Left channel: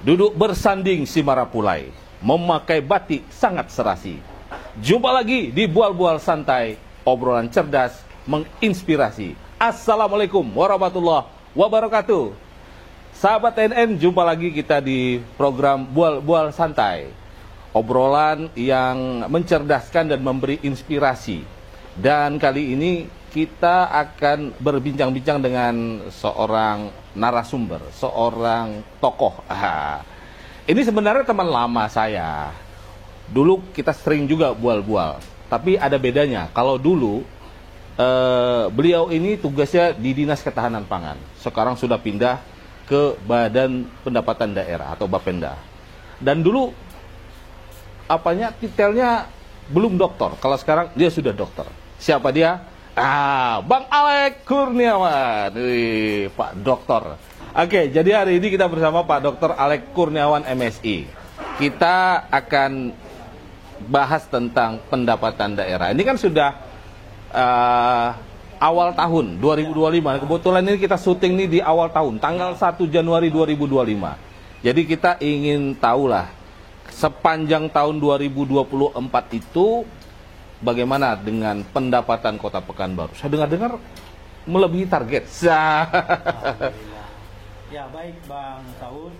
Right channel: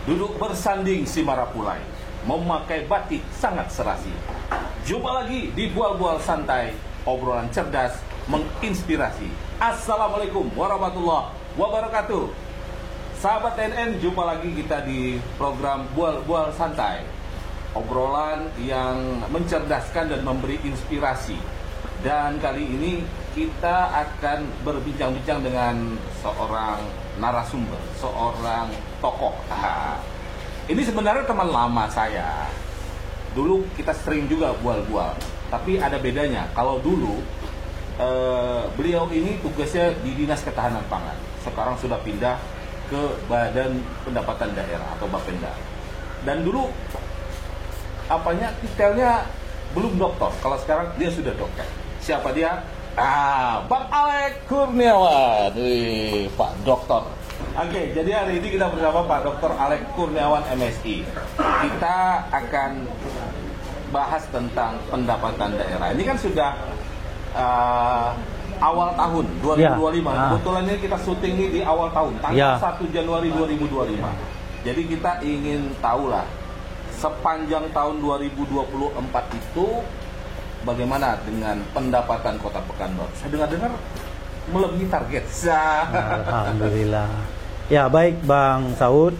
Duduk bersanding si Marapulai, memakai batik sangat serasi. Jumpa lagi di Bual-Bual Santai, obrolan cerdas, menginspirasi. Assalamualaikum warahmatullahi wabarakatuh. Sahabat TNN, jumpa lagi kita di program Bual-Bual Santai, obrolan yang mencerdaskan dan memberi inspirasi. Dan kali ini kita akan berbincang-bincang dengan seorang narasumber, seorang tokoh. Ini sebenarnya teman lama saya. Dulu kita sering juga bual-bual, tapi ada bedanya. Kalau dulu beliau ini tugasnya di Dinas Ketahanan Pangan. Sekarang sudah pindah ke Badan Pendapatan Daerah atau Bapenda. Dan dulu titelnya belum doktor. Kalau sekarang dia sudah dokter. Siapa dia? Bang Alek Kurniawan, Pak Doktor. Oke, jadi hari ini kita bersama Pak Doktor Alek Kurniawan MSI. Kita akan bahas tentang pendapatan daerah. Ini kan sudah awal tahun 2025. Ya. Kebetulan ini kita syuting nih di awal tahun, tanggal 1 Januari 2025. Jadi kita ingin tahulah sepanjang tahun 2024 itu bagaimana dengan pendapatan Kota Pekanbaru? Saya dengar-dengar melebihi target. Alhamdulillah. Ya, baik Bang Saud.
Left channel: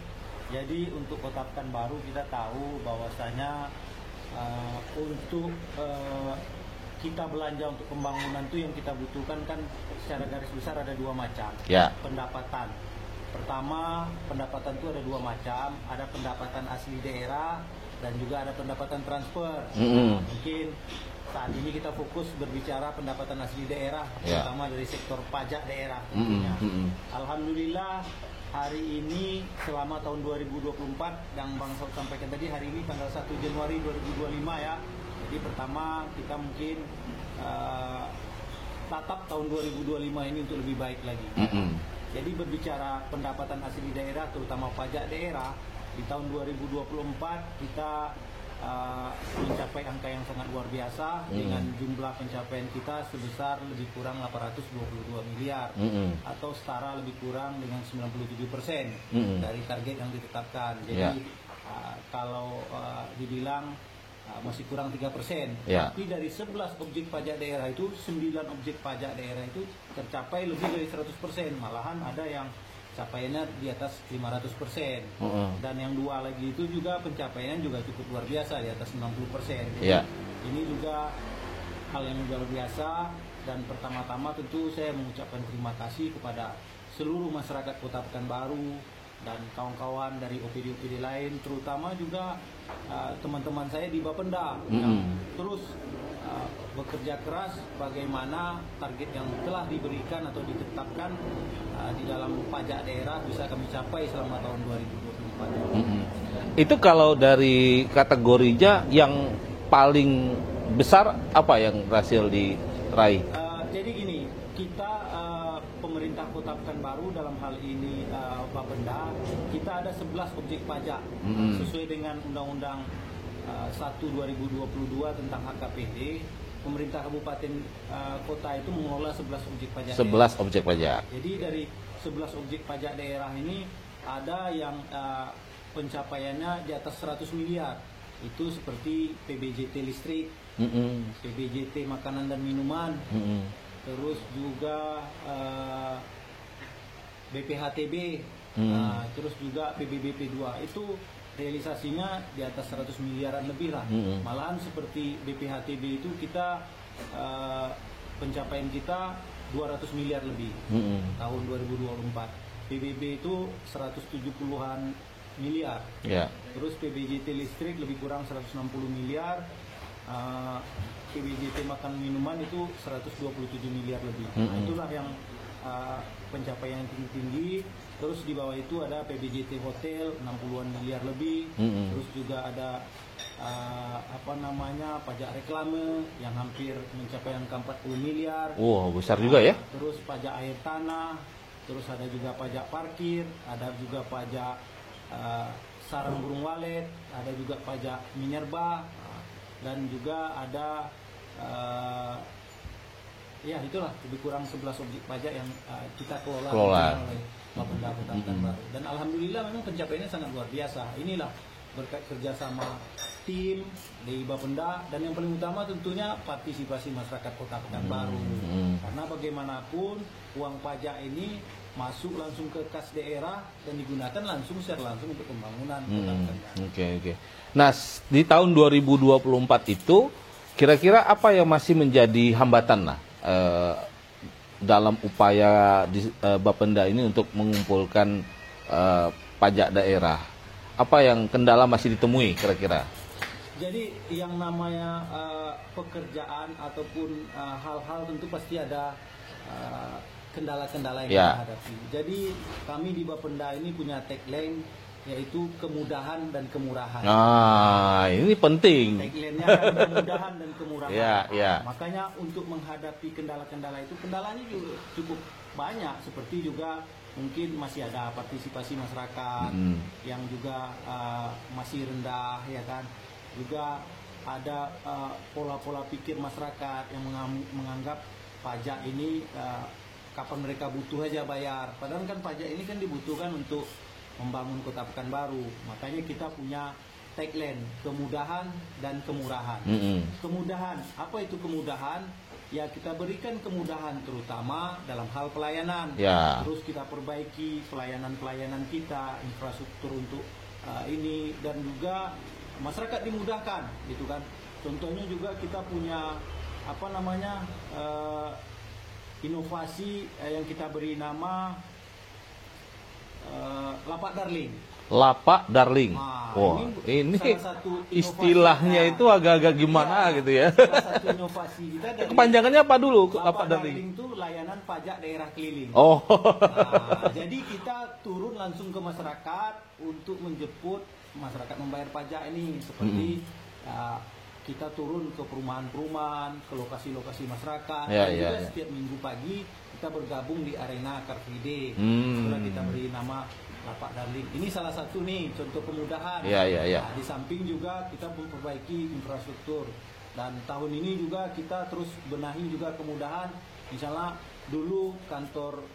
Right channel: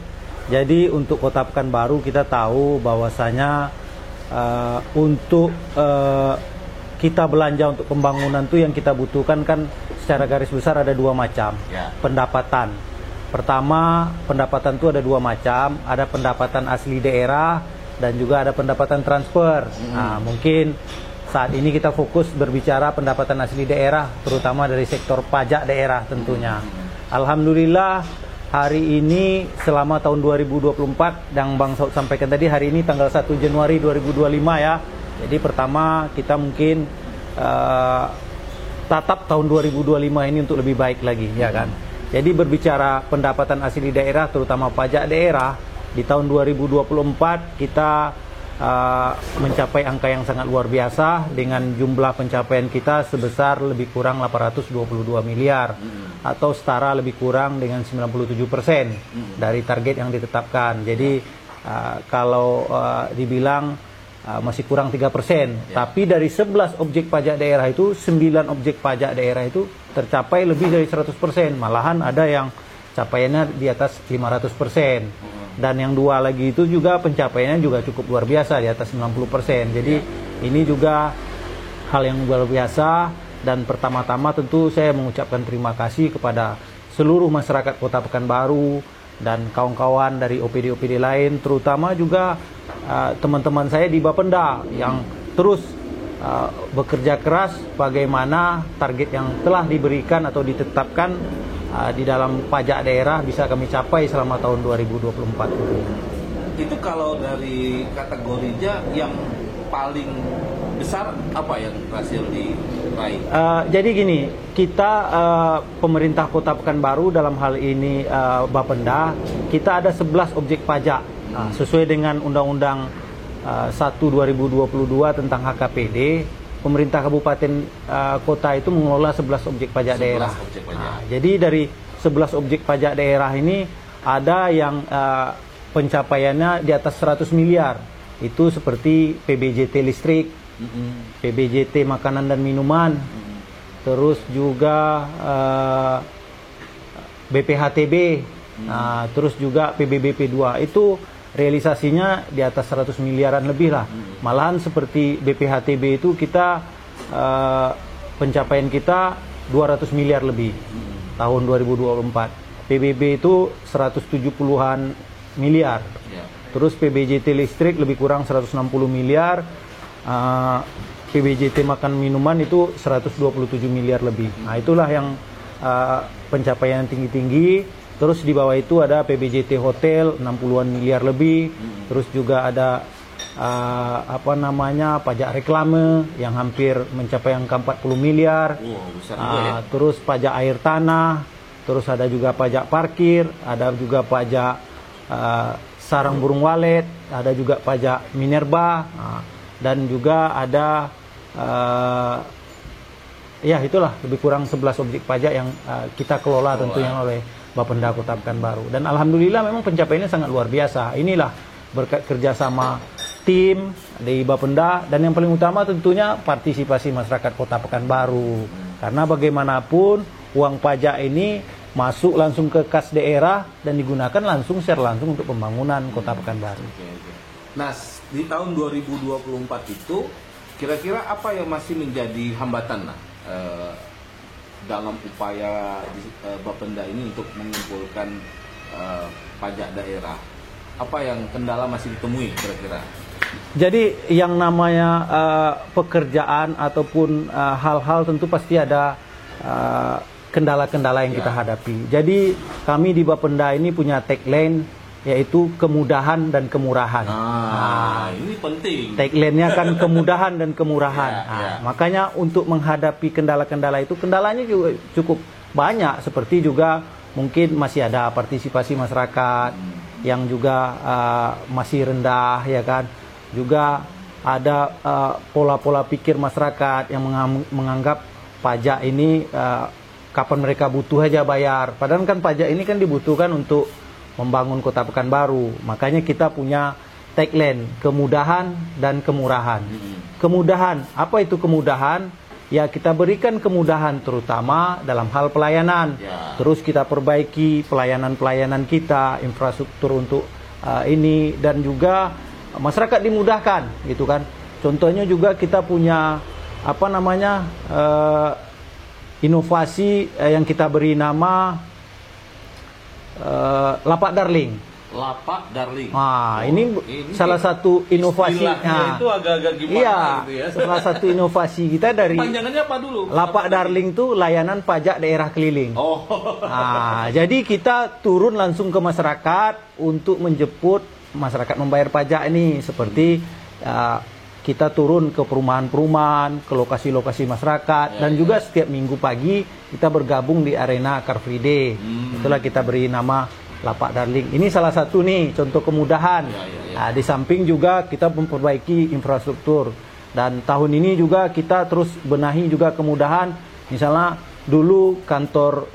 Jadi untuk Kota Pekanbaru kita tahu bahwasanya untuk kita belanja untuk pembangunan itu yang kita butuhkan kan secara garis besar ada dua macam pendapatan. Pertama, pendapatan itu ada dua macam, ada pendapatan asli daerah dan juga ada pendapatan transfer. Nah, mungkin saat ini kita fokus berbicara pendapatan asli daerah, terutama dari sektor pajak daerah tentunya. Alhamdulillah hari ini selama tahun 2024 yang Bang Saud sampaikan tadi, hari ini tanggal 1 Januari 2025 ya. Jadi pertama kita mungkin tatap tahun 2025 ini untuk lebih baik lagi, ya kan. Jadi berbicara pendapatan asli daerah terutama pajak daerah di tahun 2024 kita mencapai angka yang sangat luar biasa dengan jumlah pencapaian kita sebesar lebih kurang 822 miliar atau setara lebih kurang dengan 97% dari target yang ditetapkan. Jadi kalau dibilang masih kurang 3%, tapi dari 11 objek pajak daerah itu 9 objek pajak daerah itu tercapai lebih dari 100%, malahan ada yang capaiannya di atas 500%. Dan yang dua lagi itu juga pencapaiannya juga cukup luar biasa di atas 90%. Jadi ini juga hal yang luar biasa. Dan pertama-tama tentu saya mengucapkan terima kasih kepada seluruh masyarakat Kota Pekanbaru dan kawan-kawan dari OPD-OPD lain, terutama juga teman-teman saya di Bapenda yang terus bekerja keras bagaimana target yang telah diberikan atau ditetapkan di dalam pajak daerah bisa kami capai selama tahun 2024. Itu kalau dari kategorinya yang paling besar apa yang berhasil diraih? Jadi gini, kita pemerintah Kota Pekanbaru dalam hal ini Bapenda, kita ada 11 objek pajak sesuai dengan Undang-Undang 1 2022 tentang HKPD. Pemerintah kabupaten kota itu mengelola 11 objek pajak daerah. 11 objek pajak. Jadi dari 11 objek pajak daerah ini ada yang pencapaiannya di atas 100 miliar. Itu seperti PBJT listrik, PBJT makanan dan minuman, terus juga BPHTB, terus juga PBBP 2. Itu realisasinya di atas 100 miliaran lebih lah. Malahan seperti BPHTB itu kita pencapaian kita 200 miliar lebih tahun 2024. PBB itu 170-an miliar. Terus PBJT listrik lebih kurang 160 miliar. PBJT makan minuman itu 127 miliar lebih. Nah, itulah yang pencapaian tinggi-tinggi. Terus di bawah itu ada PBJT hotel 60-an miliar lebih. Terus juga ada pajak reklame yang hampir mencapai angka 40 miliar. Besar juga ya. Terus pajak air tanah, terus ada juga pajak parkir, ada juga pajak sarang burung walet, ada juga pajak minerba, dan juga ada ya itulah lebih kurang 11 objek pajak yang kita kelola tentunya oleh Bapenda Kota Pekanbaru. Dan alhamdulillah memang pencapaiannya sangat luar biasa. Inilah berkat kerjasama tim di Bapenda, dan yang paling utama tentunya partisipasi masyarakat Kota Pekanbaru. Karena bagaimanapun uang pajak ini masuk langsung ke kas daerah dan digunakan langsung secara langsung untuk pembangunan Kota Pekanbaru. Oke. Nah, di tahun 2024 itu kira-kira apa yang masih menjadi hambatan dalam upaya Bapenda ini untuk mengumpulkan pajak daerah? Apa yang kendala masih ditemui kira-kira? Jadi yang namanya pekerjaan ataupun hal-hal tentu pasti ada kendala-kendala yang kita hadapi. Jadi kami di Bapenda ini punya tagline yaitu kemudahan dan kemurahan. Ini penting. Tagline-nya kan kemudahan dan kemurahan. Makanya untuk menghadapi kendala-kendala itu, kendalanya juga cukup banyak. Seperti juga mungkin masih ada partisipasi masyarakat yang juga masih rendah, ya kan. Juga ada pola-pola pikir masyarakat yang menganggap pajak ini kapan mereka butuh aja bayar. Padahal kan pajak ini kan dibutuhkan untuk membangun Kota Pekanbaru. Makanya kita punya tagline kemudahan dan kemurahan. Kemudahan, apa itu kemudahan? Ya kita berikan kemudahan terutama dalam hal pelayanan. Terus kita perbaiki pelayanan-pelayanan kita, infrastruktur untuk ini, dan juga masyarakat dimudahkan, gitu kan. Contohnya juga kita punya inovasi yang kita beri nama Lapak Darling. Lapak Darling. Ini salah satu inovasinya. Istilahnya itu agak-agak gimana gitu ya. Salah satu inovasi kita dari. Panjangannya apa dulu? Lapak Darling itu layanan pajak daerah keliling. Jadi kita turun langsung ke masyarakat untuk menjemput masyarakat membayar pajak ini. Seperti kita turun ke perumahan-perumahan, ke lokasi-lokasi masyarakat, dan juga setiap minggu pagi kita bergabung di arena Car Free Day. Itulah kita beri nama Lapak Darling. Ini salah satu nih contoh kemudahan. Di samping juga kita memperbaiki infrastruktur. Dan tahun ini juga kita terus benahi juga kemudahan. Misalnya dulu kantor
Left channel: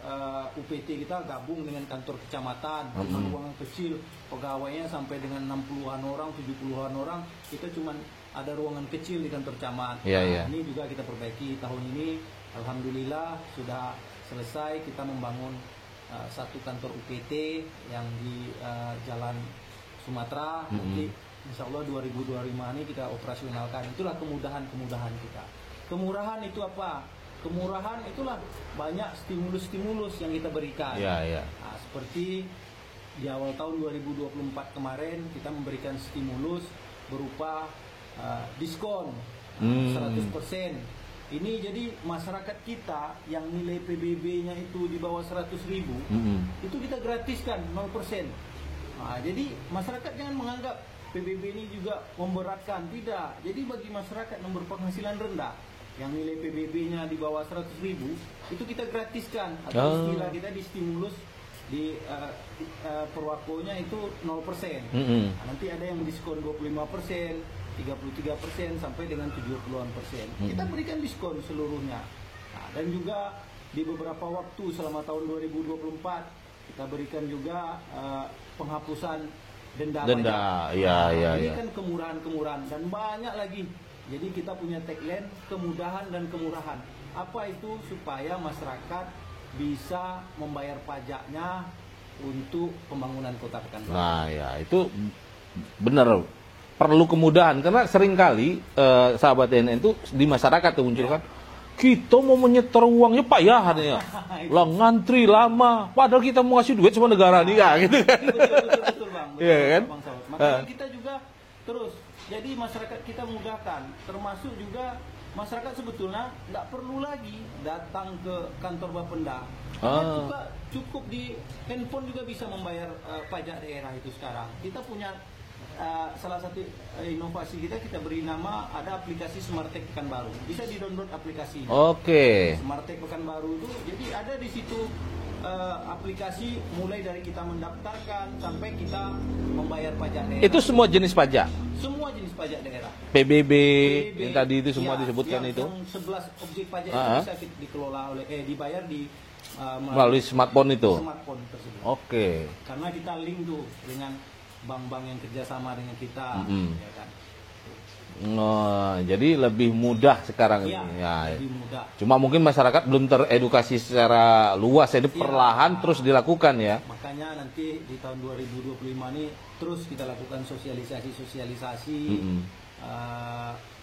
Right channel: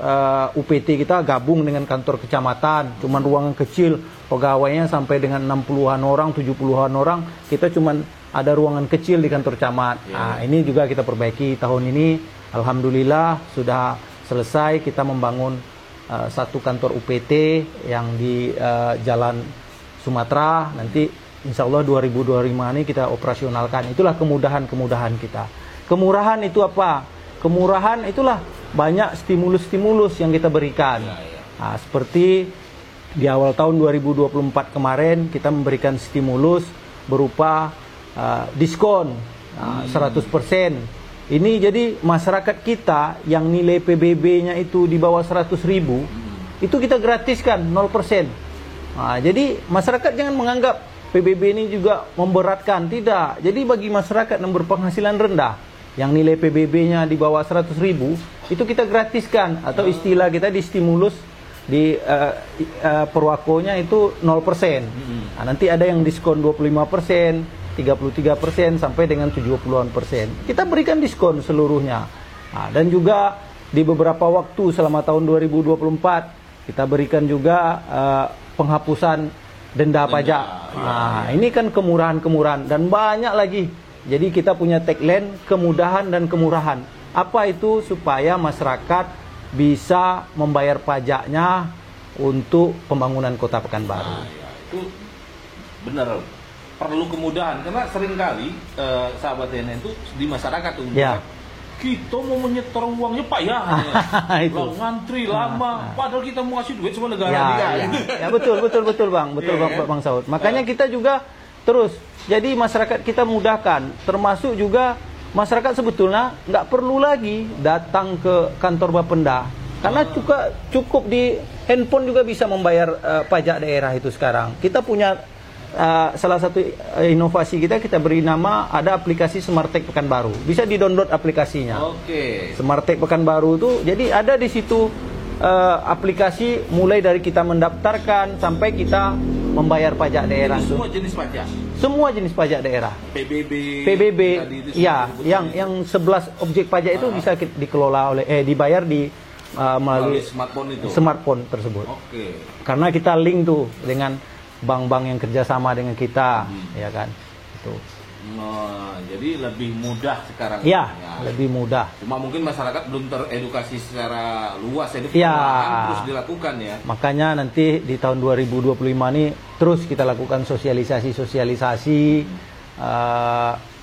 UPT kita gabung dengan kantor kecamatan, cuman ruangan kecil, pegawainya sampai dengan 60-an orang, 70-an orang, kita cuman ada ruangan kecil di kantor camat. Ini juga kita perbaiki tahun ini. Alhamdulillah sudah selesai, kita membangun satu kantor UPT yang di Jalan Sumatera. Nanti insya Allah 2025 ini kita operasionalkan. Itulah kemudahan-kemudahan kita. Kemurahan itu apa? Kemurahan itulah banyak stimulus-stimulus yang kita berikan. Seperti di awal tahun 2024 kemarin kita memberikan stimulus berupa diskon 100%. Ini jadi masyarakat kita yang nilai PBB-nya itu di bawah 100.000, itu kita gratiskan 0%. Jadi masyarakat jangan menganggap PBB ini juga memberatkan, tidak. Jadi bagi masyarakat yang berpenghasilan rendah, yang nilai PBB-nya di bawah 100.000, itu kita gratiskan, atau istilah kita di stimulus di perwakonya itu 0%. Nanti ada yang diskon 25%, 33% sampai dengan 70-an persen. Kita berikan diskon seluruhnya. Dan juga di beberapa waktu selama tahun 2024 kita berikan juga penghapusan denda pajak. Ini kan kemurahan-kemurahan dan banyak lagi. Jadi kita punya tagline kemudahan dan kemurahan. Apa itu? Supaya masyarakat bisa membayar pajaknya untuk pembangunan Kota Pekanbaru. Itu benar. Perlu kemudahan, karena seringkali sahabat TNN itu di masyarakat tuh kita mau menyetor uangnya payah ngantri lama, padahal kita mau ngasih duit sama negara gitu. Betul Bang Saud. Makanya kita juga terus, jadi masyarakat kita mudahkan, termasuk juga masyarakat sebetulnya nggak perlu lagi datang ke kantor Bapenda, karena cukup di handphone juga bisa membayar pajak daerah itu sekarang. Kita punya salah satu inovasi kita beri nama, ada aplikasi Smartech Pekanbaru. Bisa di-download aplikasinya. Smartech Pekanbaru itu, jadi ada di situ aplikasi mulai dari kita mendaftarkan sampai kita membayar pajak daerah. Itu semua jenis pajak. Semua jenis pajak daerah. PBB tadi itu yang 11 objek pajak itu bisa dikelola oleh dibayar di melalui smartphone itu. Smartphone tersebut. Oke. Karena kita link tuh dengan bank-bank yang kerjasama dengan kita, ya kan. Itu. Jadi lebih mudah sekarang. Ya, lebih mudah. Cuma mungkin masyarakat belum teredukasi secara luas, jadi perlahan terus dilakukan ya. Makanya nanti di tahun 2025 ini terus kita lakukan sosialisasi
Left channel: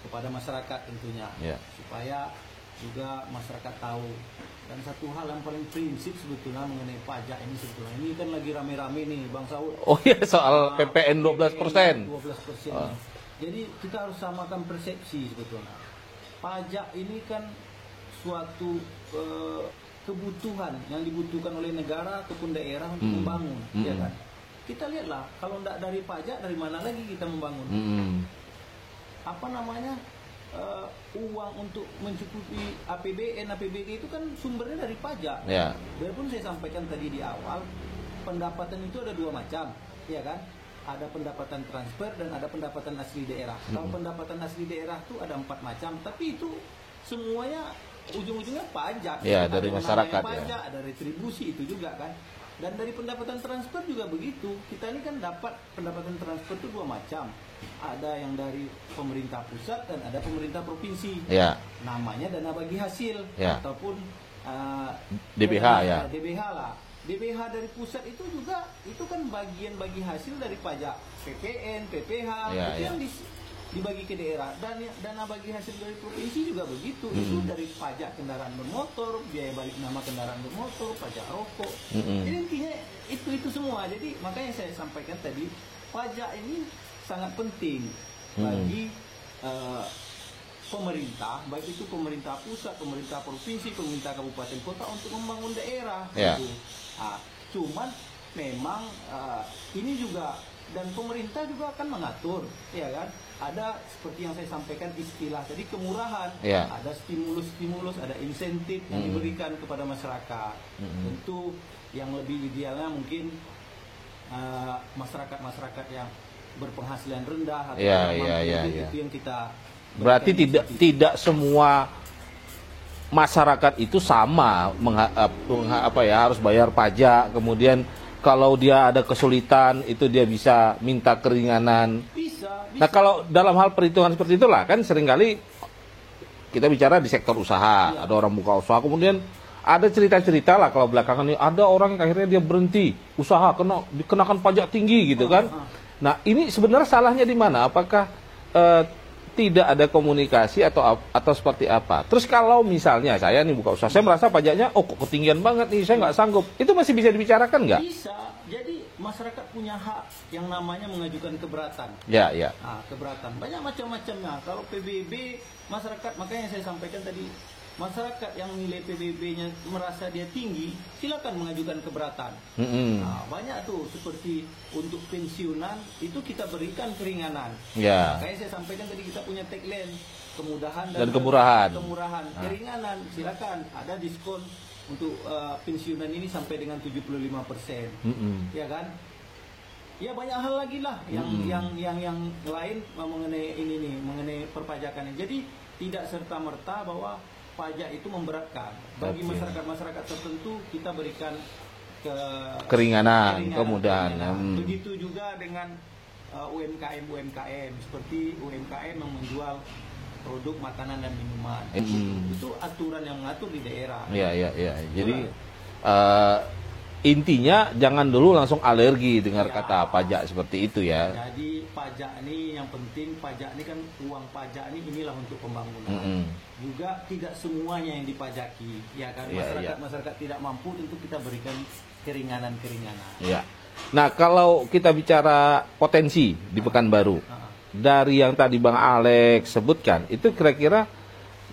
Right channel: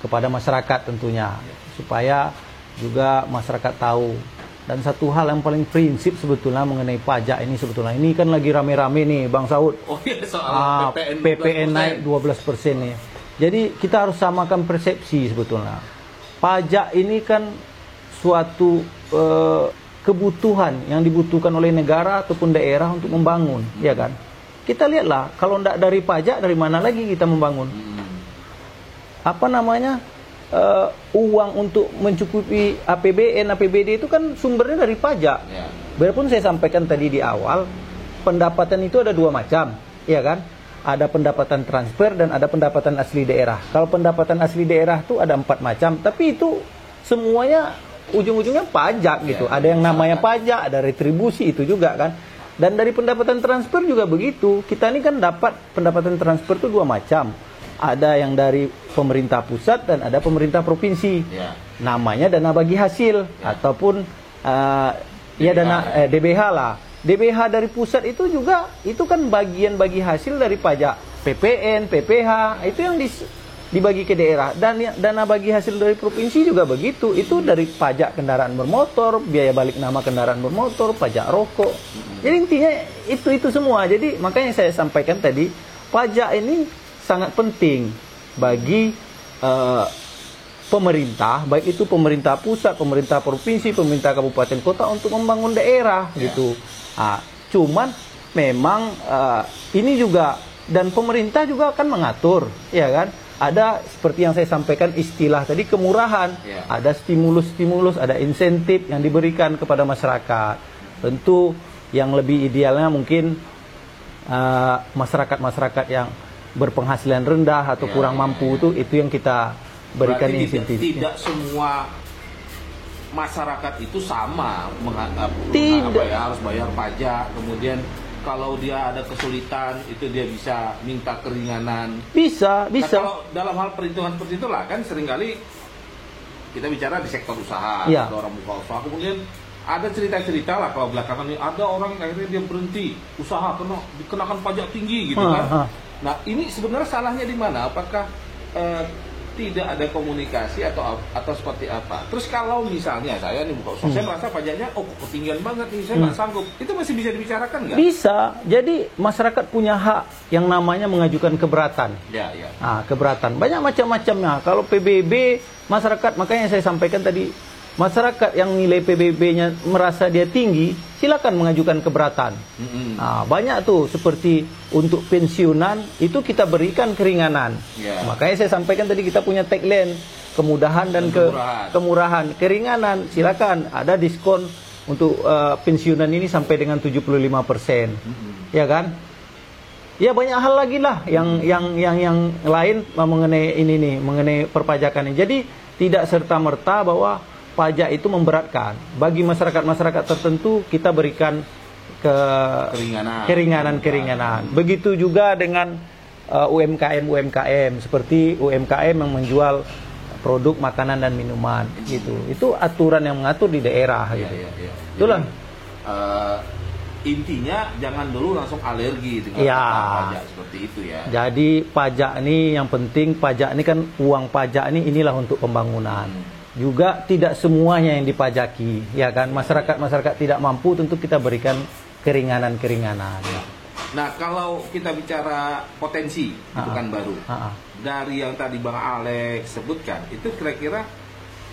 kepada masyarakat tentunya, supaya juga masyarakat tahu. Dan satu hal yang paling prinsip sebetulnya mengenai pajak ini, sebetulnya ini kan lagi rame-rame nih Bang Saud. Oh iya, soal PPN 12%. PPN naik 12% nih. Jadi kita harus samakan persepsi sebetulnya. Pajak ini kan suatu kebutuhan yang dibutuhkan oleh negara ataupun daerah untuk membangun, ya kan? Kita lihatlah, kalau tidak dari pajak, dari mana lagi kita membangun? Apa namanya? Uang untuk mencukupi APBN, APBD itu kan sumbernya dari pajak. Biarpun saya sampaikan tadi di awal, pendapatan itu ada dua macam, ya kan? Ada pendapatan transfer dan ada pendapatan asli daerah. Kalau pendapatan asli daerah itu ada 4 macam, tapi itu semuanya ujung-ujungnya pajak gitu. Ada yang namanya pajak, ada retribusi itu juga kan. Dan dari pendapatan transfer juga begitu. Kita ini kan dapat pendapatan transfer itu 2 macam. Ada yang dari pemerintah pusat dan ada pemerintah provinsi. Namanya dana bagi hasil ataupun DBH lah. DBH dari pusat itu juga, itu kan bagian bagi hasil dari pajak PPN, PPH, itu yang dibagi ke daerah. Dan dana bagi hasil dari provinsi juga begitu, itu dari pajak kendaraan bermotor, biaya balik nama kendaraan bermotor, pajak rokok. Jadi intinya itu semua. Jadi makanya saya sampaikan tadi, pajak ini sangat penting bagi pemerintah, baik itu pemerintah pusat, pemerintah provinsi, pemerintah kabupaten kota untuk membangun daerah gitu. Cuman memang ini juga, dan pemerintah juga akan mengatur, ya kan? Ada seperti yang saya sampaikan istilah tadi, kemurahan, ada stimulus-stimulus, ada insentif yang diberikan kepada masyarakat. Tentu yang lebih idealnya mungkin masyarakat-masyarakat yang berpenghasilan rendah atau kurang mampu itu yang kita berikan insentif. Tidak semua masyarakat itu sama harus bayar pajak, kemudian kalau dia ada kesulitan itu dia bisa minta keringanan. Bisa. Nah, kalau dalam hal perhitungan seperti itulah kan seringkali kita bicara di sektor usaha, ada orang buka usaha, kemudian ada cerita-cerita lah kalau belakangan ini ada orang akhirnya dia berhenti usaha dikenakan pajak tinggi gitu kan. Nah, ini sebenarnya salahnya di mana? Apakah tidak ada komunikasi atau seperti apa? Terus kalau misalnya saya nih buka usaha, saya merasa pajaknya kok ketinggian banget nih, saya nggak sanggup. Itu masih bisa dibicarakan nggak? Bisa. Jadi masyarakat punya hak yang namanya mengajukan keberatan. Keberatan. Banyak macam-macamnya. Kalau PBB, masyarakat, makanya saya sampaikan tadi, masyarakat yang nilai PBB-nya merasa dia tinggi, silakan mengajukan keberatan. Banyak tuh, seperti untuk pensiunan itu kita berikan keringanan. Makanya saya sampaikan tadi kita punya tagline kemudahan dan kemurahan. Keringanan, silakan ada diskon untuk pensiunan ini sampai dengan 75%. Ya kan? Ya banyak hal lagi lah yang lain mengenai ini nih, mengenai perpajakan ini. Jadi tidak serta-merta bahwa pajak itu memberatkan. Bagi masyarakat-masyarakat tertentu kita berikan keringanan. Begitu juga dengan UMKM seperti UMKM yang menjual produk makanan dan minuman gitu. Itu aturan yang mengatur di daerah. Itulah. Intinya jangan dulu langsung alergi dengan kata pajak seperti itu ya. Jadi pajak ini yang penting, pajak ini kan uang pajak ini inilah untuk pembangunan. Juga tidak semuanya yang dipajaki, ya kan? Masyarakat tidak mampu, tentu kita berikan keringanan. Nah, kalau kita bicara potensi di Pekanbaru, dari yang tadi Bang Alex sebutkan, itu kira-kira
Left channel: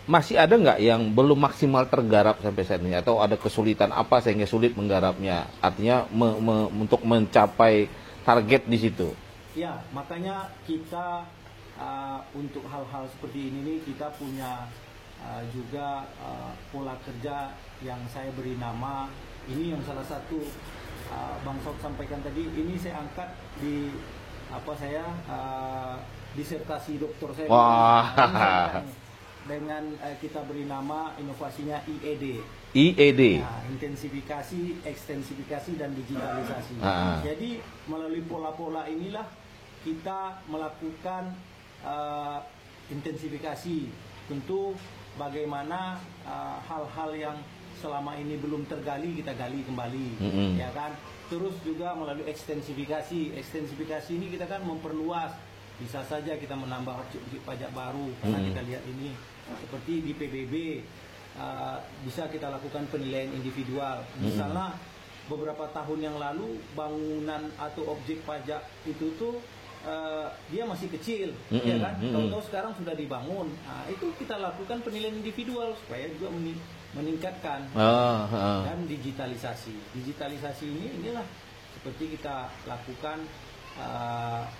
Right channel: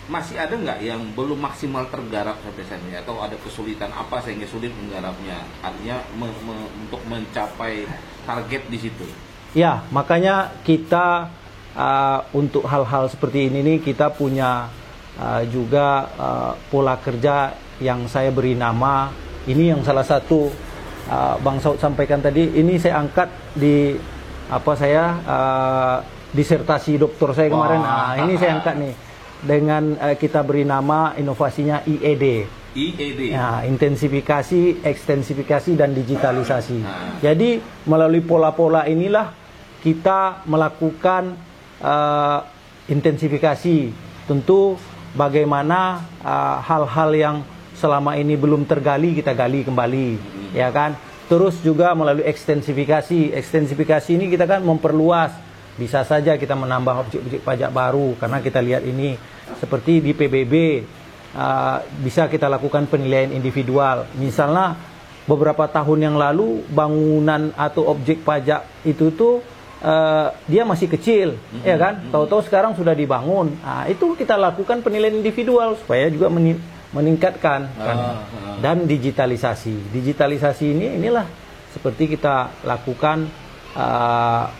masih ada nggak yang belum maksimal tergarap sampai saat ini, atau ada kesulitan apa sehingga sulit menggarapnya? Artinya untuk mencapai target di situ. Ya, makanya kita untuk hal-hal seperti ini nih kita punya juga pola kerja yang saya beri nama, ini yang salah satu Bang Saud sampaikan tadi, ini saya angkat di disertasi doktor saya kemarin. Ini saya angkat nih dengan kita beri nama inovasinya IED, IED. Nah, intensifikasi, ekstensifikasi, dan digitalisasi. Ah. Jadi melalui pola-pola inilah kita melakukan intensifikasi. Tentu bagaimana hal-hal yang selama ini belum tergali kita gali kembali, ya kan. Terus juga melalui ekstensifikasi. Ekstensifikasi ini kita kan memperluas. Bisa saja kita menambah objek-objek pajak baru karena kita lihat ini seperti di PBB. Bisa kita lakukan penilaian individual. Misalnya beberapa tahun yang lalu bangunan atau objek pajak itu tuh dia masih kecil, ya kan? Tahu-tahu sekarang sudah dibangun. Nah, itu kita lakukan penilaian individual supaya juga meningkatkan kan? Dan digitalisasi. Digitalisasi inilah seperti kita lakukan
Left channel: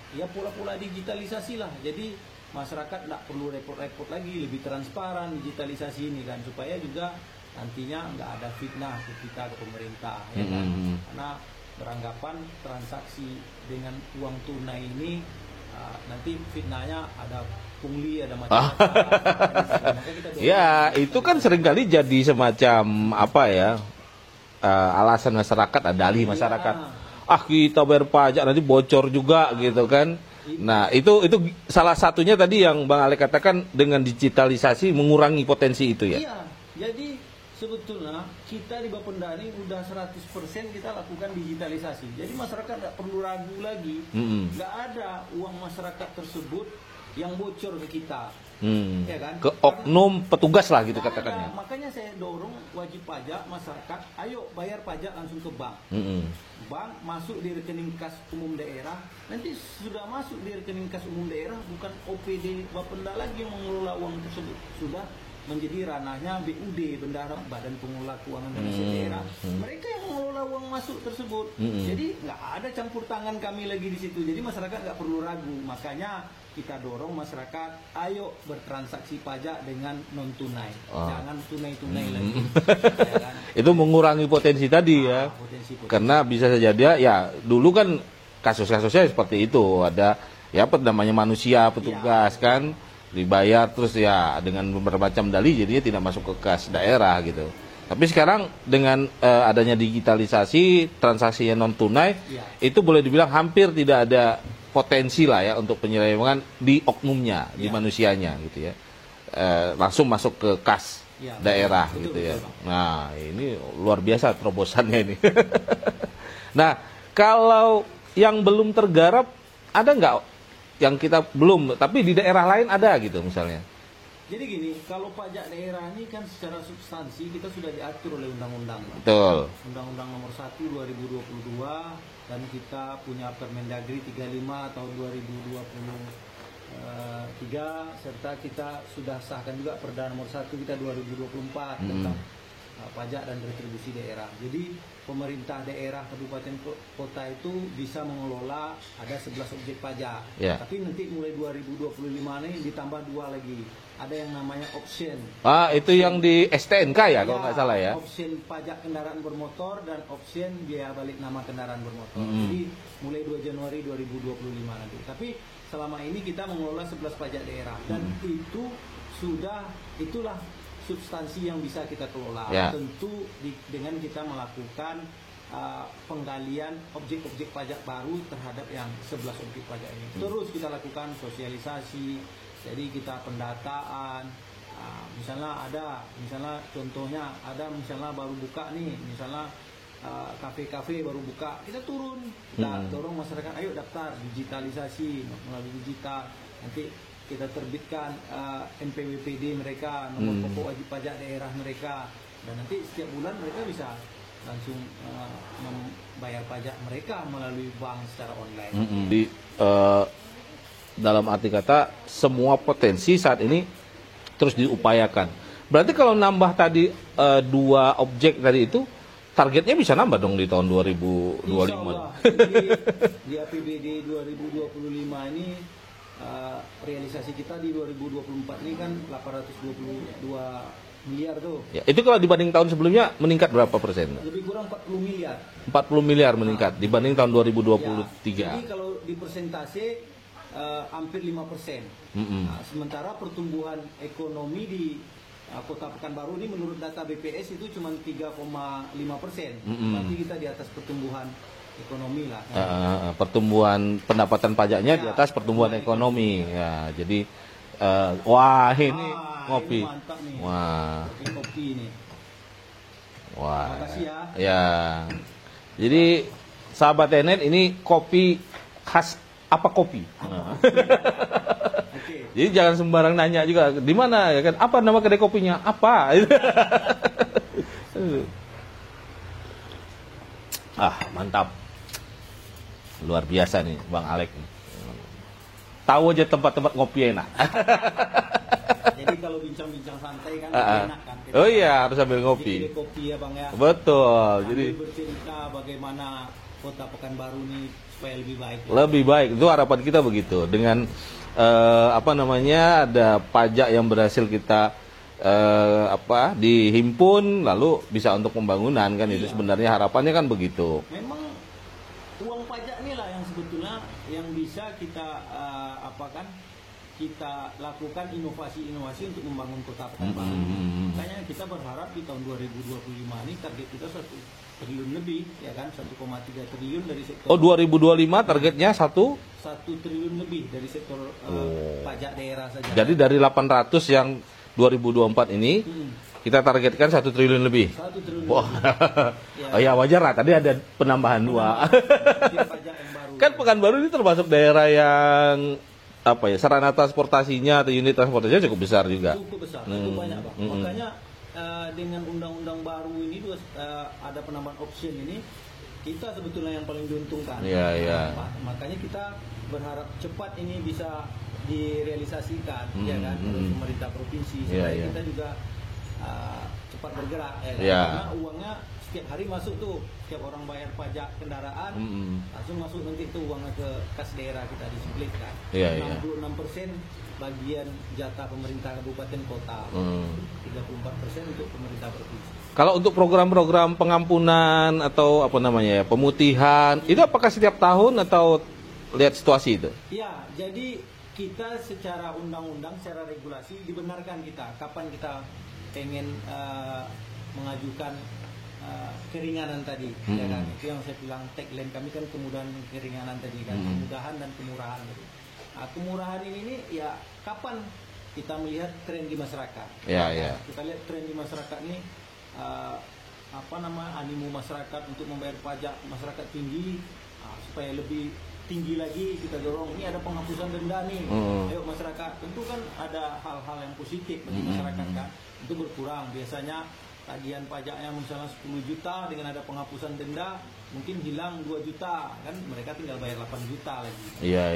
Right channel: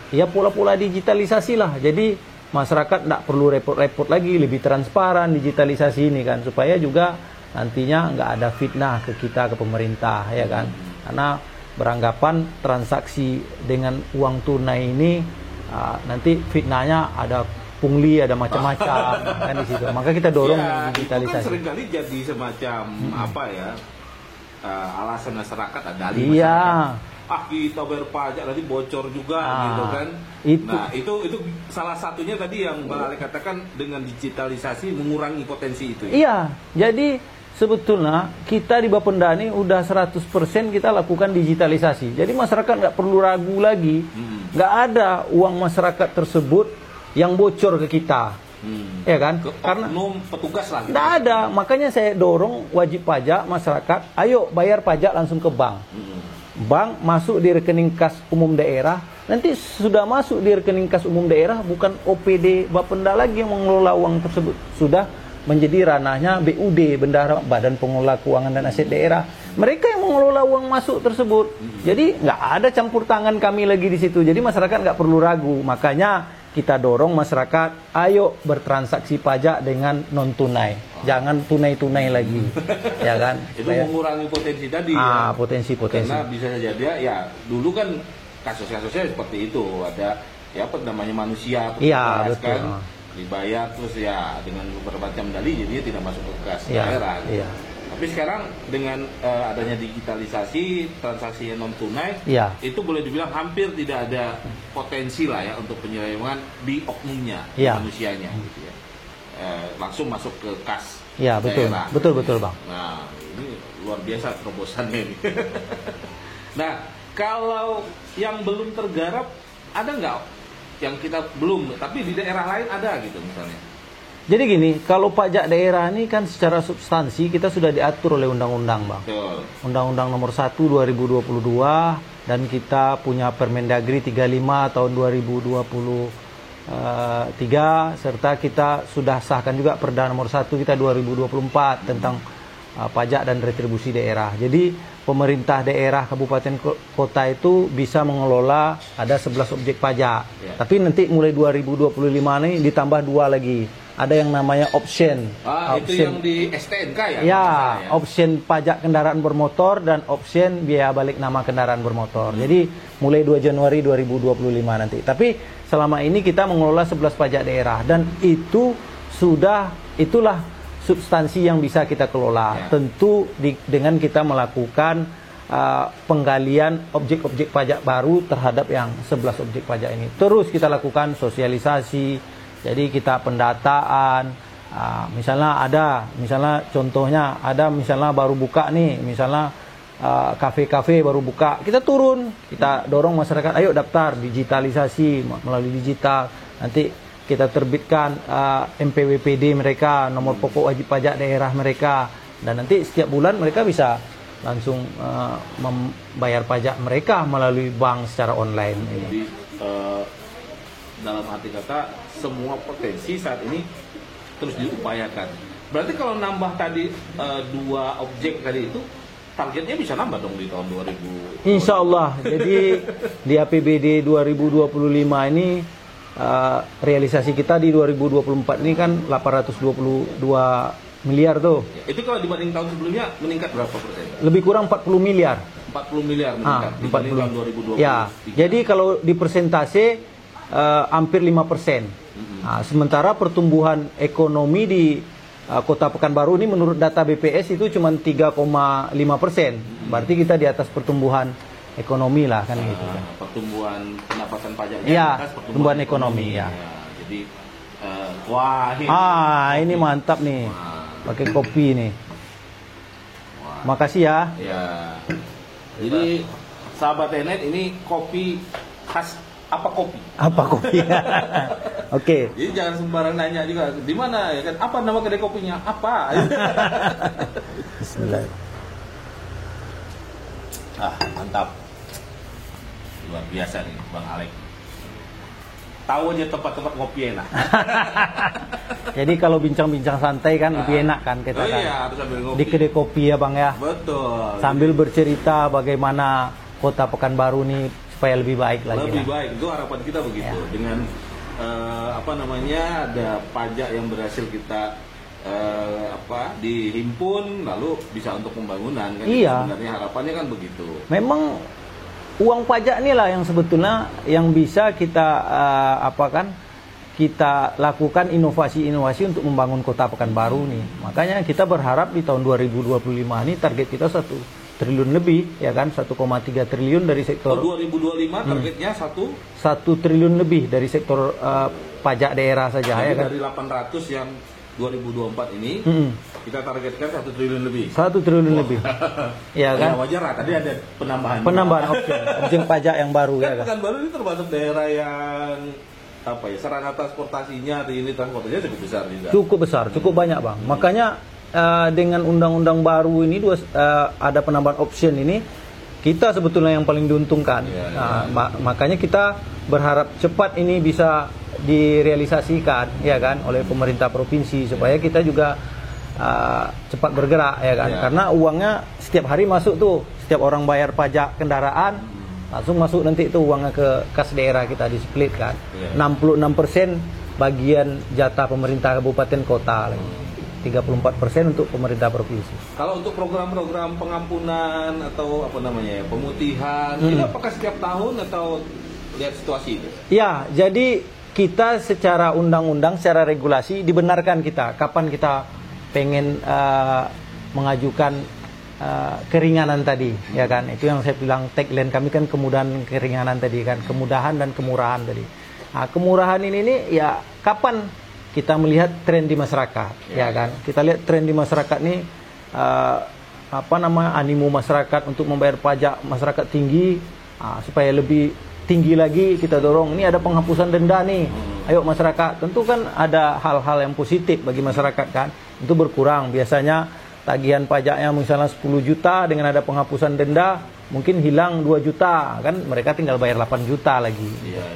ya pola-pola digitalisasi lah. Jadi masyarakat tidak perlu repot-repot lagi, lebih transparan digitalisasi ini kan, supaya juga nantinya nggak ada fitnah ke kita, ke pemerintah, ya kan. Karena beranggapan transaksi dengan uang tunai ini nanti fitnahnya ada pungli, ada macam-macam kan di situ. Maka kita dorong. Ya, itu kan seringkali jadi semacam apa ya, alasan masyarakat, dalih masyarakat. Kita bayar pajak nanti bocor juga gitu kan. Nah, itu salah satunya tadi yang Bang Ale katakan dengan digitalisasi mengurangi potensi itu ya. Iya. Jadi sebetulnya kita di Bapenda ini udah 100% kita lakukan digitalisasi. Jadi masyarakat nggak perlu ragu lagi. Nggak ada uang masyarakat tersebut yang bocor ke kita. Ya kan? Ke oknum petugas lah gitu. Nggak ada. Makanya saya dorong wajib pajak masyarakat, ayo bayar pajak langsung ke bank. Bank masuk di rekening kas umum daerah, nanti sudah masuk di rekening kas umum daerah, bukan OPD Bapenda lagi yang mengelola uang tersebut, sudah menjadi ranahnya BUD, Badan Pengelola Keuangan dan Aset Daerah. Mereka yang mengelola uang masuk tersebut. Jadi nggak ada campur tangan kami lagi di situ. Jadi masyarakat nggak perlu ragu. Makanya kita dorong masyarakat, ayo bertransaksi pajak dengan non tunai, jangan tunai lagi, ya kan? Itu mengurangi potensi tadi ya. Potensi. Karena bisa saja dia, ya dulu kan kasus-kasusnya seperti itu, ada ya namanya manusia petugas kan dibayar terus ya dengan bermacam dalih jadinya tidak masuk ke kas daerah gitu. Tapi sekarang dengan adanya digitalisasi transaksi yang non tunai, itu boleh dibilang hampir tidak ada potensi lah ya untuk penyelewengan di oknumnya, di manusianya gitu ya. Langsung masuk ke kas daerah. Betul gitu Bang. Nah, ini luar biasa terobosannya ini. Nah, kalau yang belum tergarap ada nggak yang kita belum, tapi di daerah lain ada gitu misalnya? Jadi gini, kalau pajak daerah ini kan secara substansi kita sudah diatur oleh undang-undang, Bang. Betul. Undang-undang nomor 1 2022 dan kita punya Permendagri 35 tahun 2023 serta kita sudah sahkan juga Perda nomor 1 kita 2024 tentang pajak dan retribusi daerah. Jadi pemerintah daerah kabupaten kota itu bisa mengelola ada 11 objek pajak. Tapi nanti mulai 2025 ini ditambah 2 lagi. Ada yang namanya option. Itu yang di STNK ya? Ya, option pajak kendaraan bermotor dan option biaya balik nama kendaraan bermotor. Jadi mulai 2 Januari 2025 nanti. Tapi selama ini kita mengelola 11 pajak daerah dan itulah substansi yang bisa kita kelola. Tentu dengan kita melakukan penggalian objek-objek pajak baru terhadap yang 11 objek pajak ini. Terus kita lakukan sosialisasi. Jadi kita pendataan, misalnya contohnya ada baru buka nih, misalnya kafe-kafe baru buka, kita turun, kita dorong masyarakat, ayo daftar, digitalisasi melalui digital, nanti kita terbitkan MPWPD mereka, nomor pokok wajib pajak daerah mereka, dan nanti setiap bulan mereka bisa langsung membayar pajak mereka melalui bank secara online. Jadi dalam arti kata semua potensi saat ini terus diupayakan. Berarti kalau nambah tadi 2 objek tadi itu targetnya bisa nambah dong di tahun 2025. Insya Allah. Jadi di APBD 2025 ini realisasi kita di 2024 ini kan 822 miliar tuh. Ya, itu kalau dibanding tahun sebelumnya meningkat berapa persen? Lebih kurang 40 miliar. 40 miliar meningkat dibanding tahun 2023. Ya, jadi kalau di persentase hampir 5%. Sementara pertumbuhan ekonomi di Kota Pekanbaru ini menurut data BPS itu cuma 3,5%. Berarti kita di atas pertumbuhan ekonomi lah kan gitu. Pertumbuhan pendapatan pajaknya Ya, di atas pertumbuhan ekonomi. ya. Ya, jadi wah ini kopi. Ini mantap nih. Wah. Pakai kopi nih. Wah. Makasih ya. Ya. Jadi sahabat Enet, ini kopi khas apa kopi? Apa kopi? Oke. Jadi jangan sembarang nanya juga di mana ya kan? Apa nama kedai kopinya? Apa? Mantap. Luar biasa nih Bang Alek. Tahu aja tempat-tempat kopi enak. Jadi kalau bincang-bincang santai kan lebih enak kan kita. Oh iya, harus sambil ngopi. Di kedai kopi ya Bang ya. Betul. Sambil bercerita bagaimana Kota Pekanbaru nih supaya lebih baik lagi. Lebih baik, itu harapan kita begitu. Ya. Dengan ada pajak yang berhasil kita dihimpun, lalu bisa untuk pembangunan kan. Itu sebenarnya harapannya kan begitu. Memang uang pajak inilah yang sebetulnya yang bisa kita kita lakukan inovasi-inovasi untuk membangun Kota Pekanbaru nih. Makanya kita berharap di tahun 2025 ini target kita 1 triliun lebih, ya kan, 1,3 triliun dari sektor. 2025 targetnya 1 triliun lebih dari sektor pajak daerah saja. Jadi ya dari 800 yang 2024 ini kita targetkan 1 triliun lebih. 1 triliun lebih. Ya, kan? Ya wajar lah, tadi ada penambahan objek pajak yang baru. Kan Pekanbaru ini termasuk daerah yang sarana transportasinya atau unit transportasinya cukup besar juga. Cukup besar, cukup banyak Bang. Makanya dengan undang-undang baru ini ada penambahan option ini, kita sebetulnya yang paling diuntungkan. Makanya kita berharap cepat ini bisa direalisasikan ya kan oleh pemerintah provinsi supaya kita juga cepat bergerak ya kan. Karena uangnya setiap hari masuk tuh, setiap orang bayar pajak kendaraan langsung masuk nanti itu uangnya ke kas daerah kita di split kan. 66% bagian jatah pemerintah kabupaten kota. 34% untuk pemerintah provinsi. Kalau untuk program-program pengampunan atau pemutihan, itu apakah setiap tahun atau lihat situasi itu? Ya, jadi kita secara undang-undang, secara regulasi dibenarkan kita kapan kita pengen mengajukan keringanan tadi, ya kan? Itu yang saya bilang tagline kami kan kemudahan keringanan tadi kan, kemudahan dan kemurahan tadi. Nah, kemurahan ini ya kapan kita melihat tren di masyarakat, ya kan? Kita lihat tren di masyarakat nih, animo masyarakat untuk membayar pajak masyarakat tinggi, supaya lebih tinggi lagi kita dorong. Ini ada penghapusan denda nih, ayo masyarakat. Tentu kan ada hal-hal yang positif bagi masyarakat kan, itu berkurang. Biasanya tagihan pajaknya misalnya 10 juta, dengan ada penghapusan denda mungkin hilang 2 juta kan, mereka tinggal bayar 8 juta lagi. Iya.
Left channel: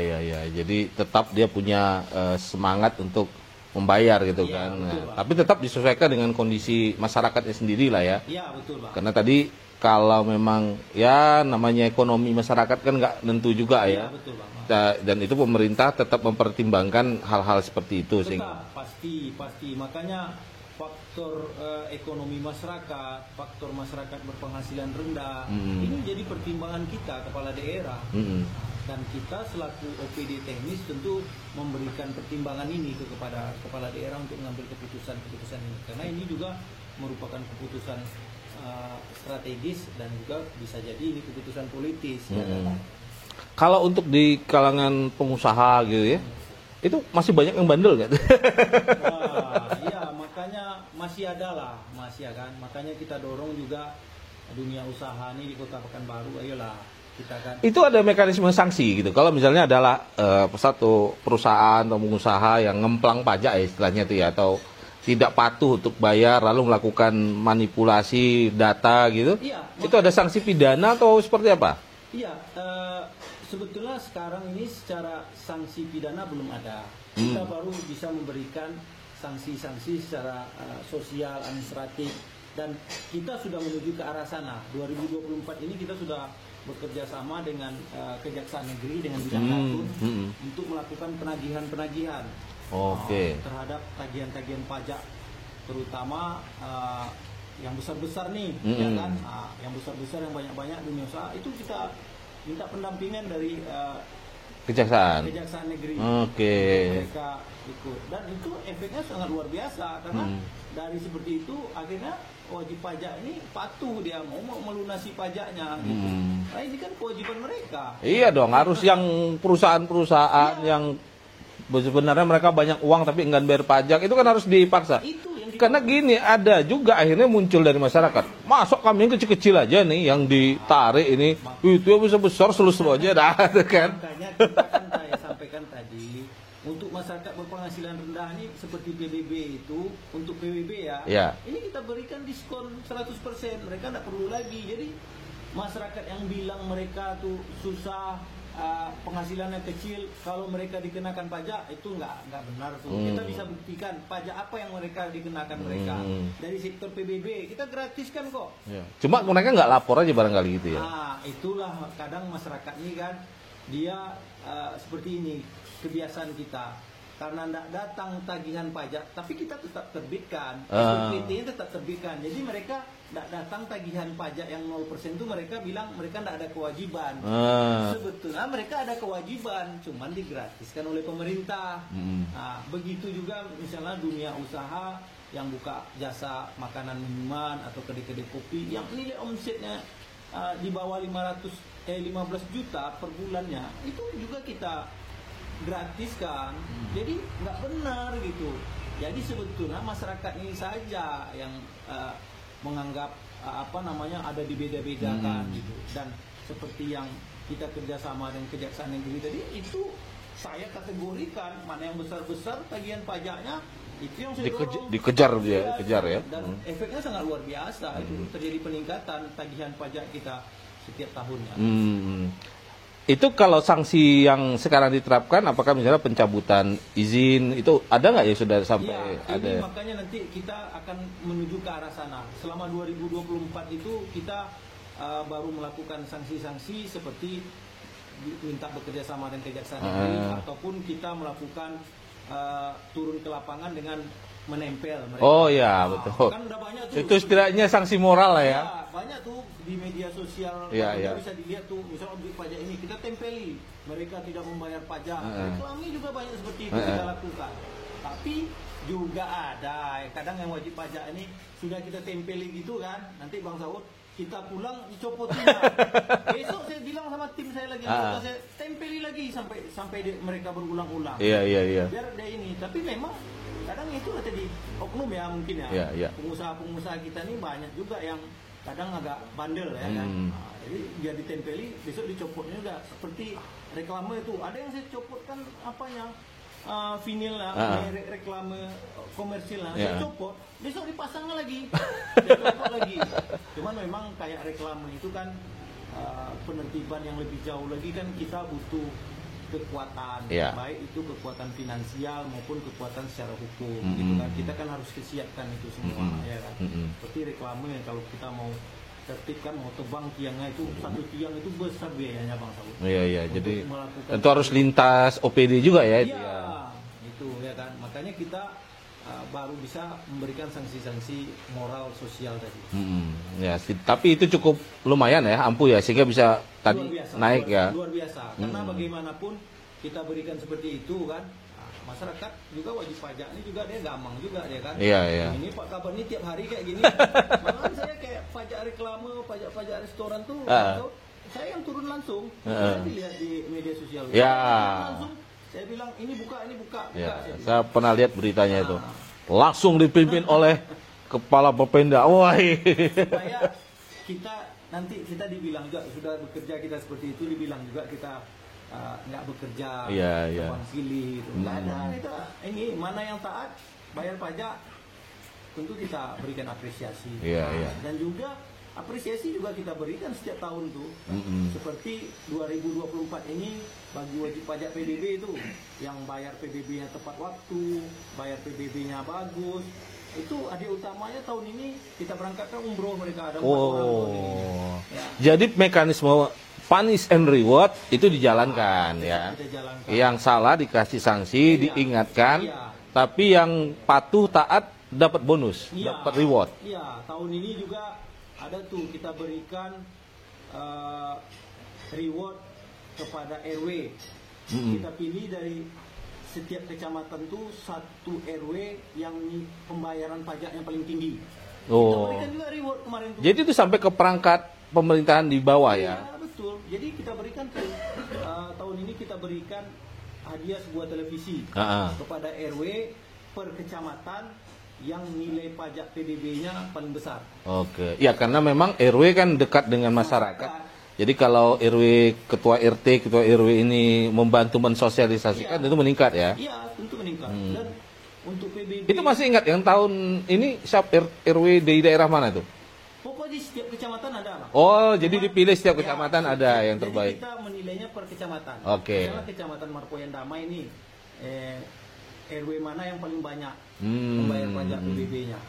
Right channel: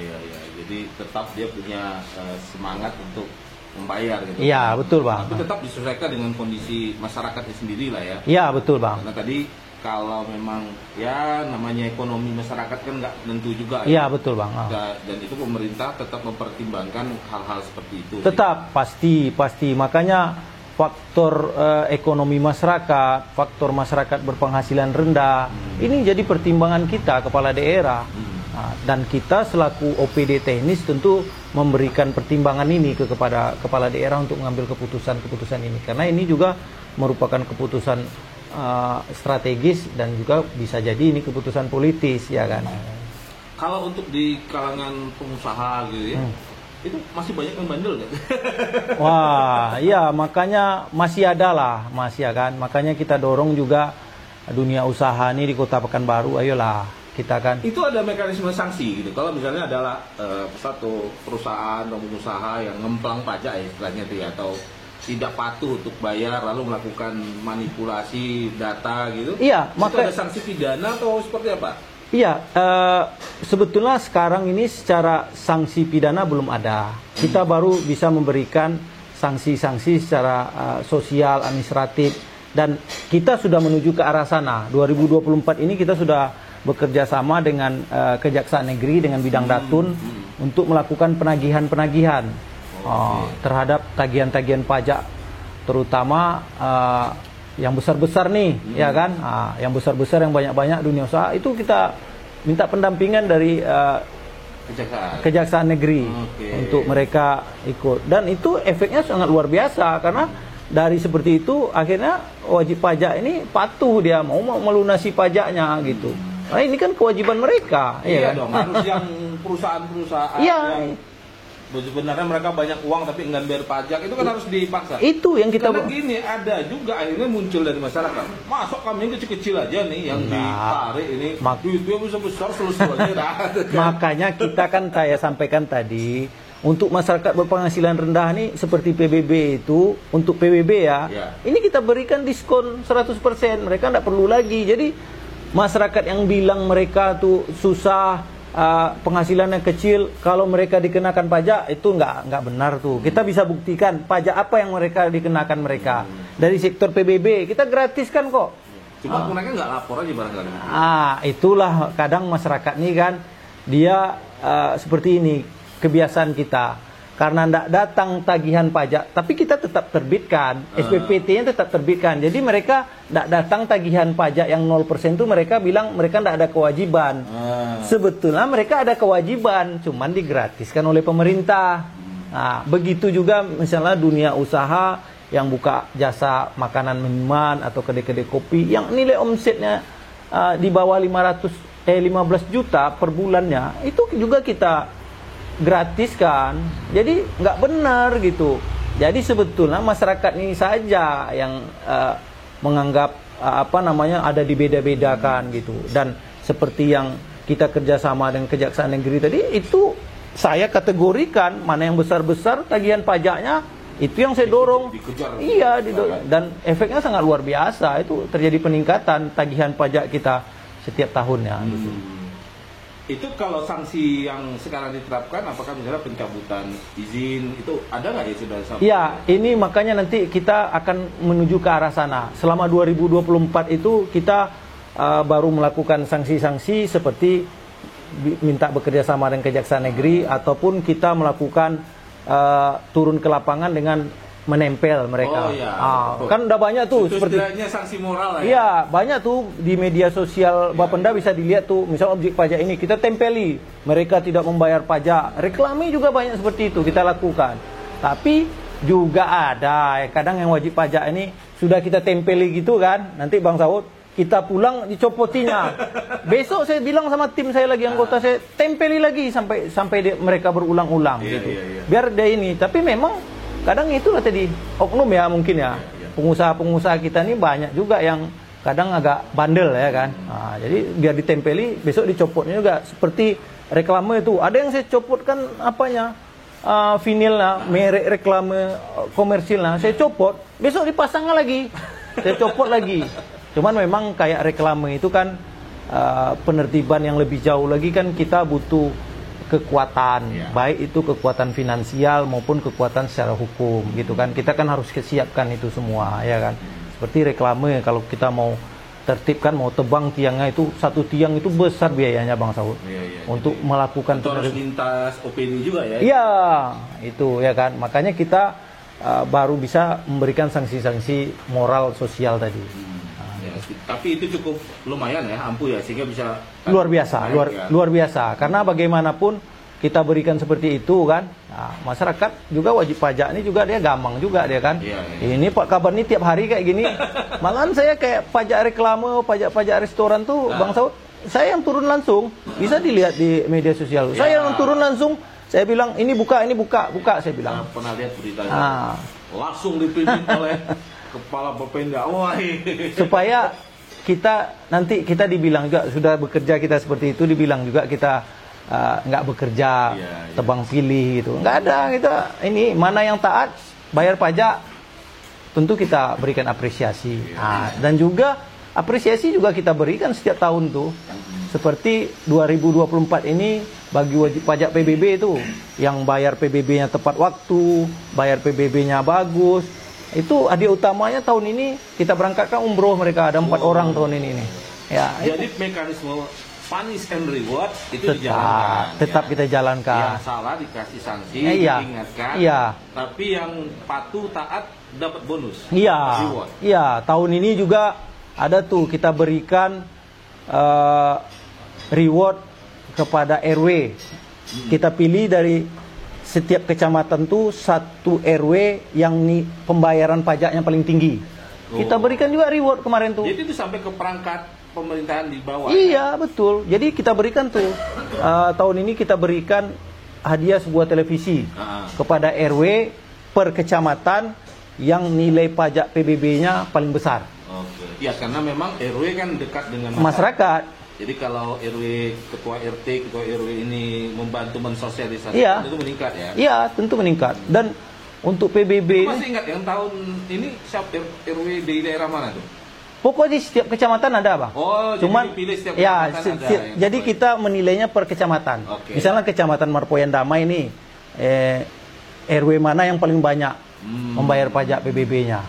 Jadi tetap dia punya semangat untuk membayar gitu. Iya, betul Bang. Tapi tetap disesuaikan dengan kondisi masyarakatnya sendiri lah ya. Iya, betul Bang. Karena tadi kalau memang ya namanya ekonomi masyarakat kan nggak nentu juga ya. Iya, betul Bang. Dan itu pemerintah tetap mempertimbangkan hal-hal seperti itu. Tetap, pasti. Makanya faktor ekonomi masyarakat, faktor masyarakat berpenghasilan rendah, ini jadi pertimbangan kita kepala daerah. Dan kita selaku OPD teknis tentu memberikan pertimbangan ini kepada kepala daerah untuk mengambil keputusan ini, karena ini juga merupakan keputusan strategis dan juga bisa jadi ini keputusan politis, ya kan. Kalau untuk di kalangan pengusaha gitu ya, itu masih banyak yang bandel nggak? Wah, iya, makanya masih ada lah, ya kan. Makanya kita dorong juga dunia usaha ini di Kota Pekanbaru, ayolah kita kan. Itu ada mekanisme sanksi gitu. Kalau misalnya adalah satu perusahaan atau pengusaha yang ngemplang pajak ya istilahnya itu ya, atau tidak patuh untuk bayar lalu melakukan manipulasi data gitu. Iya, itu ada sanksi pidana atau seperti apa? Iya, sebetulnya sekarang ini secara sanksi pidana belum ada. Kita baru bisa memberikan sanksi-sanksi secara sosial, administratif, dan kita sudah menuju ke arah sana. 2024 ini kita sudah bekerja sama dengan Kejaksaan Negeri dengan bidang datun untuk melakukan penagihan-penagihan terhadap tagihan-tagihan pajak, terutama yang besar-besar nih, ya kan? Yang besar-besar, yang banyak-banyak dunia usaha, itu kita minta pendampingan dari Kejaksaan Negeri untuk mereka ikut. Dan itu efeknya sangat luar biasa, karena dari seperti itu akhirnya wajib pajak ini patuh, dia mau melunasi pajaknya gitu. Nah ini kan kewajiban mereka. Iya ya. dong, harus yang perusahaan-perusahaan Iya. yang sebenarnya mereka banyak uang tapi enggan bayar pajak, itu kan harus dipaksa. Itu yang kita Karena gini, ada juga akhirnya muncul dari masyarakat, masuk kami yang kecil-kecil aja nih yang ditarik ini, itu yang besar-besar selusuh aja dah. Kan? Makanya kita kan saya sampaikan tadi, untuk masyarakat berpenghasilan rendah nih seperti PBB itu, untuk PBB ya, ini kita berikan diskon 100%, mereka tidak perlu lagi. Jadi masyarakat yang bilang mereka tuh susah, penghasilannya kecil, kalau mereka dikenakan pajak itu nggak benar tuh. Kita bisa buktikan pajak apa yang mereka dikenakan mereka dari sektor PBB, kita gratiskan kok. Cuma mereka nggak lapor aja barangkali gitu. Itulah kadang masyarakat ini kan dia seperti ini kebiasaan kita. Karena tidak datang tagihan pajak, tapi kita tetap terbitkan, SPPT-nya tetap terbitkan. Jadi mereka tidak datang tagihan pajak yang 0% itu mereka bilang mereka tidak ada kewajiban. Sebetulnya mereka ada kewajiban, cuman digratiskan oleh pemerintah. Nah, begitu juga misalnya dunia usaha yang buka jasa makanan minuman atau kedai-kedai kopi yang nilai omsetnya di bawah 15 juta per bulannya, itu juga kita gratiskan. Jadi nggak benar gitu. Jadi sebetulnya masyarakat ini saja yang menganggap ada dibeda-bedakan gitu. Dan seperti yang kita kerjasama dengan Kejaksaan Negeri tadi, itu saya kategorikan mana yang besar-besar tagihan pajaknya, itu yang saya dorong. Dikejar. Iya, gitu. Dan efeknya sangat luar biasa. Itu terjadi peningkatan tagihan pajak kita setiap tahunnya. Gitu. Itu kalau sanksi yang sekarang diterapkan, apakah misalnya pencabutan izin, itu ada nggak ya sudah sampai? Ya, ini makanya nanti kita akan menuju ke arah sana. Selama 2024 itu kita baru melakukan sanksi-sanksi seperti minta bekerja sama dengan Kejaksaan Negeri, ataupun kita melakukan turun ke lapangan dengan menempel mereka. Oh iya. Kan udah banyak tuh. Itu setidaknya sanksi moral lah ya. Iya, banyak tuh di media sosial Bapenda bisa dilihat tuh, misal objek pajak ini kita tempeli, mereka tidak membayar pajak. Reklame juga banyak seperti itu kita lakukan. Tapi juga ada kadang yang wajib pajak ini sudah kita tempeli gitu kan, nanti Bang Saud kita pulang dicopotinya. Besok saya bilang sama tim saya lagi, anggota saya, tempeli lagi sampai mereka berulang-ulang. Gitu. Biar dia ini, tapi memang kadang itulah tadi oknum ya mungkin ya. Pengusaha-pengusaha kita ini banyak juga yang kadang agak bandel ya kan. Jadi biar ditempeli, besok dicopotnya juga. Seperti reklame itu, ada yang saya copot kan apanya, vinilnya, merek reklame komersilnya, saya copot, besok dipasang lagi, saya copot lagi. Cuman memang kayak reklame itu kan penertiban yang lebih jauh lagi kan, kita butuh kekuatan, baik itu kekuatan finansial maupun kekuatan secara hukum gitu kan. Kita kan harus siapkan itu semua ya kan. Seperti reklame, kalau kita mau tertibkan, mau tebang tiangnya, itu satu tiang itu besar biayanya Bang Saud. Untuk jadi, melakukan itu harus lintas OPD juga ya. Iya, itu ya kan. Makanya kita baru bisa memberikan sanksi-sanksi moral sosial tadi. Tapi itu cukup lumayan ya, ampuh ya, sehingga bisa luar biasa, luar biasa. Karena bagaimanapun kita berikan seperti itu kan, masyarakat juga wajib pajak ini juga dia gampang juga dia kan. Ini Pak kabar ini tiap hari kayak gini. Malahan saya kayak pajak reklame, pajak restoran tuh Bang Saud, saya yang turun langsung. Bisa dilihat di media sosial. Saya yang turun langsung. Saya bilang ini buka, saya bilang. Saya pernah lihat beritanya. Langsung dipimpin oleh Kepala Bapenda. Supaya nanti kita dibilang juga sudah bekerja kita seperti itu, dibilang juga kita nggak bekerja tebang pilih gitu. Nggak ada, kita ini mana yang taat bayar pajak, tentu kita berikan apresiasi. Dan juga apresiasi juga kita berikan setiap tahun tuh. Seperti 2024 ini bagi wajib pajak PBB itu yang bayar PBB-nya tepat waktu, bayar PBB-nya bagus. Itu hadiah utamanya tahun ini kita berangkatkan umroh, mereka ada 4 orang tahun ini. Jadi mekanisme punish and reward itu dijalankan. Tetap kita jalankan. Yang salah dikasih sanksi, diingatkan. Tapi yang patuh taat dapat bonus. Dapat reward. Iya, tahun ini juga ada tuh kita berikan reward kepada RW. Kita pilih dari setiap kecamatan tuh satu RW yang pembayaran pajaknya paling tinggi. Kita berikan juga reward kemarin tuh. Jadi itu sampai ke perangkat pemerintahan di bawah. Iya, betul. Jadi kita berikan tuh tahun ini kita berikan hadiah sebuah televisi kepada RW per kecamatan yang nilai pajak PBB-nya paling besar. Oke. Ya, karena memang RW kan dekat dengan masyarakat. Jadi kalau RW, ketua RT, ketua RW ini membantu mensosialisasikan, itu meningkat ya? Iya, tentu meningkat. Dan untuk PBB... Itu masih ingat yang tahun ini RW di daerah mana tuh? Pokoknya di setiap kecamatan ada, Bang. Oh, jadi dipilih setiap kecamatan ada yang jadi kita menilainya per kecamatan. Misalnya kecamatan Marpoyan Damai ini, RW mana yang paling banyak membayar pajak PBB-nya.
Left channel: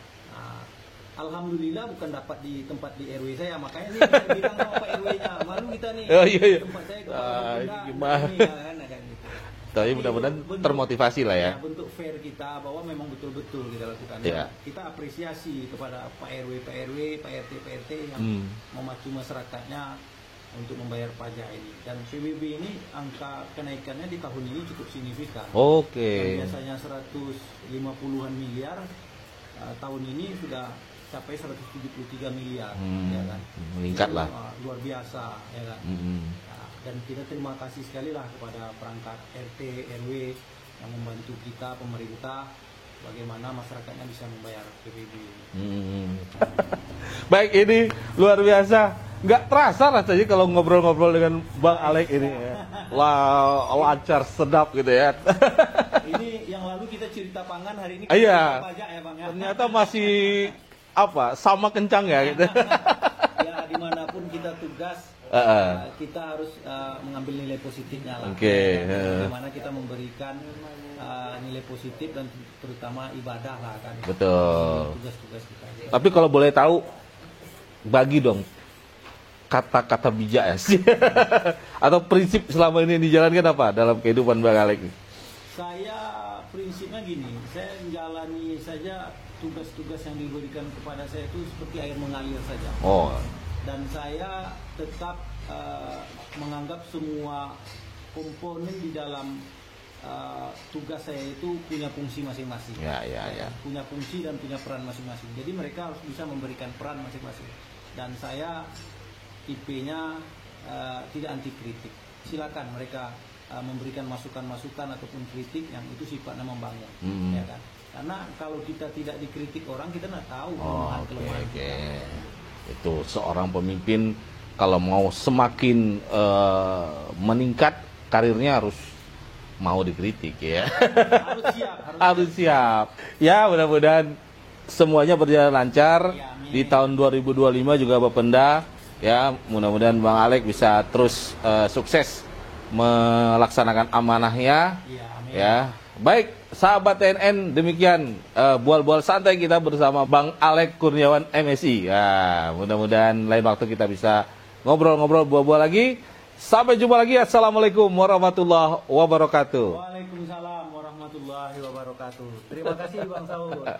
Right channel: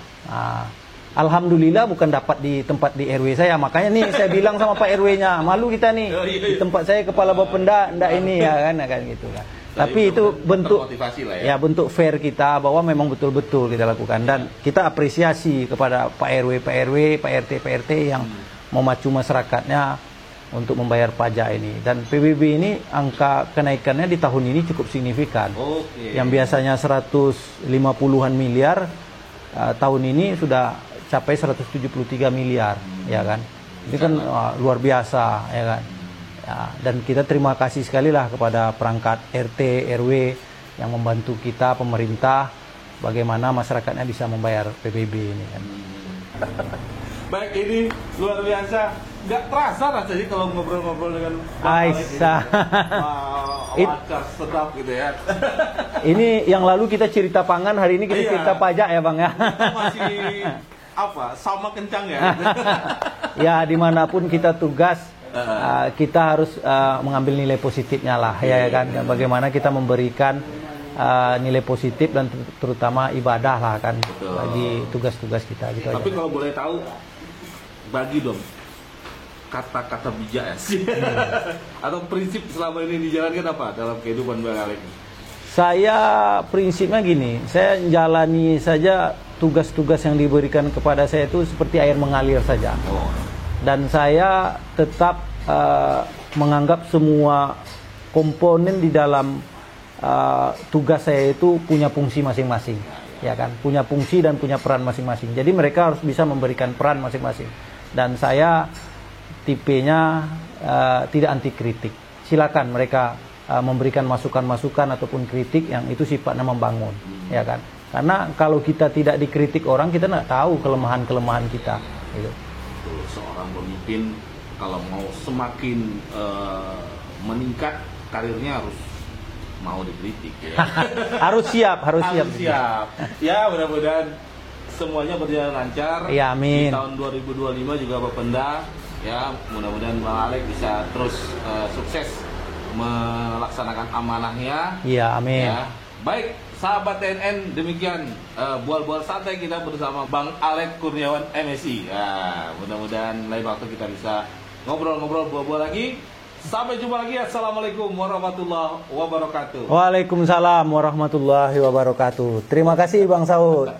Alhamdulillah bukan dapat di tempat di RW saya, makanya nih saya bilang sama Pak RW-nya, malu kita nih di tempat saya kepala Bapenda, enggak ini ya kan gitu lah. Tapi itu bentuk motivasi lah ya. Bentuk fair kita bahwa memang betul-betul kita lakukan dan kita apresiasi kepada Pak RW, Pak RT yang memacu masyarakatnya untuk membayar pajak ini. Dan PBB ini angka kenaikannya di tahun ini cukup signifikan. Yang biasanya 150-an miliar tahun ini sudah capai 173 miliar, ya kan? Itu kan luar biasa, ya kan? Ya, dan kita terima kasih sekali lah kepada perangkat RT, RW yang membantu kita, pemerintah, bagaimana masyarakatnya bisa membayar PBB ini. Kan? Baik, ini luar biasa. Nggak terasa rasanya kalau ngobrol-ngobrol dengan Bang Alek ini. Wow, wajar sedap gitu ya. Ini yang lalu kita cerita pangan, hari ini kita cerita pajak ya Bang ya. Kita masih sama kencang ya. Gitu. Ya dimanapun kita tugas, kita harus mengambil nilai positifnya lah, ya kan. Bagaimana kita memberikan nilai positif dan terutama ibadah lah kan. Bagi tugas-tugas kita. Gitu tapi kalau boleh tahu, bagi dong kata-kata bijak ya atau prinsip selama ini dijalankan apa dalam kehidupan Bang Alek? Saya prinsipnya gini, saya jalani saja tugas-tugas yang diberikan kepada saya itu seperti air mengalir saja. Dan saya tetap menganggap semua komponen di dalam tugas saya itu punya fungsi masing-masing, ya kan? Punya fungsi dan punya peran masing-masing. Jadi mereka harus bisa memberikan peran masing-masing. Dan saya tipenya tidak anti kritik. Silakan mereka memberikan masukan-masukan ataupun kritik yang itu sifatnya membangun, ya kan? Karena kalau kita tidak dikritik orang, kita nggak tahu kelemahan-kelemahan kita. Gitu. Betul, seorang pemimpin kalau mau semakin meningkat karirnya harus mau dikritik ya. harus siap. Ya, mudah-mudahan semuanya berjalan lancar. Ya, amin. Di tahun 2025 juga Bapenda, ya mudah-mudahan Bang Alek bisa terus sukses melaksanakan amanahnya. Iya, amin. Ya. Baik, sahabat TNN, demikian bual-bual santai kita bersama Bang Alek Kurniawan MSI. Ya, mudah-mudahan lain waktu kita bisa ngobrol-ngobrol bual-bual lagi. Sampai jumpa lagi. Assalamualaikum warahmatullahi wabarakatuh. Waalaikumsalam warahmatullahi wabarakatuh. Terima kasih Bang Saud.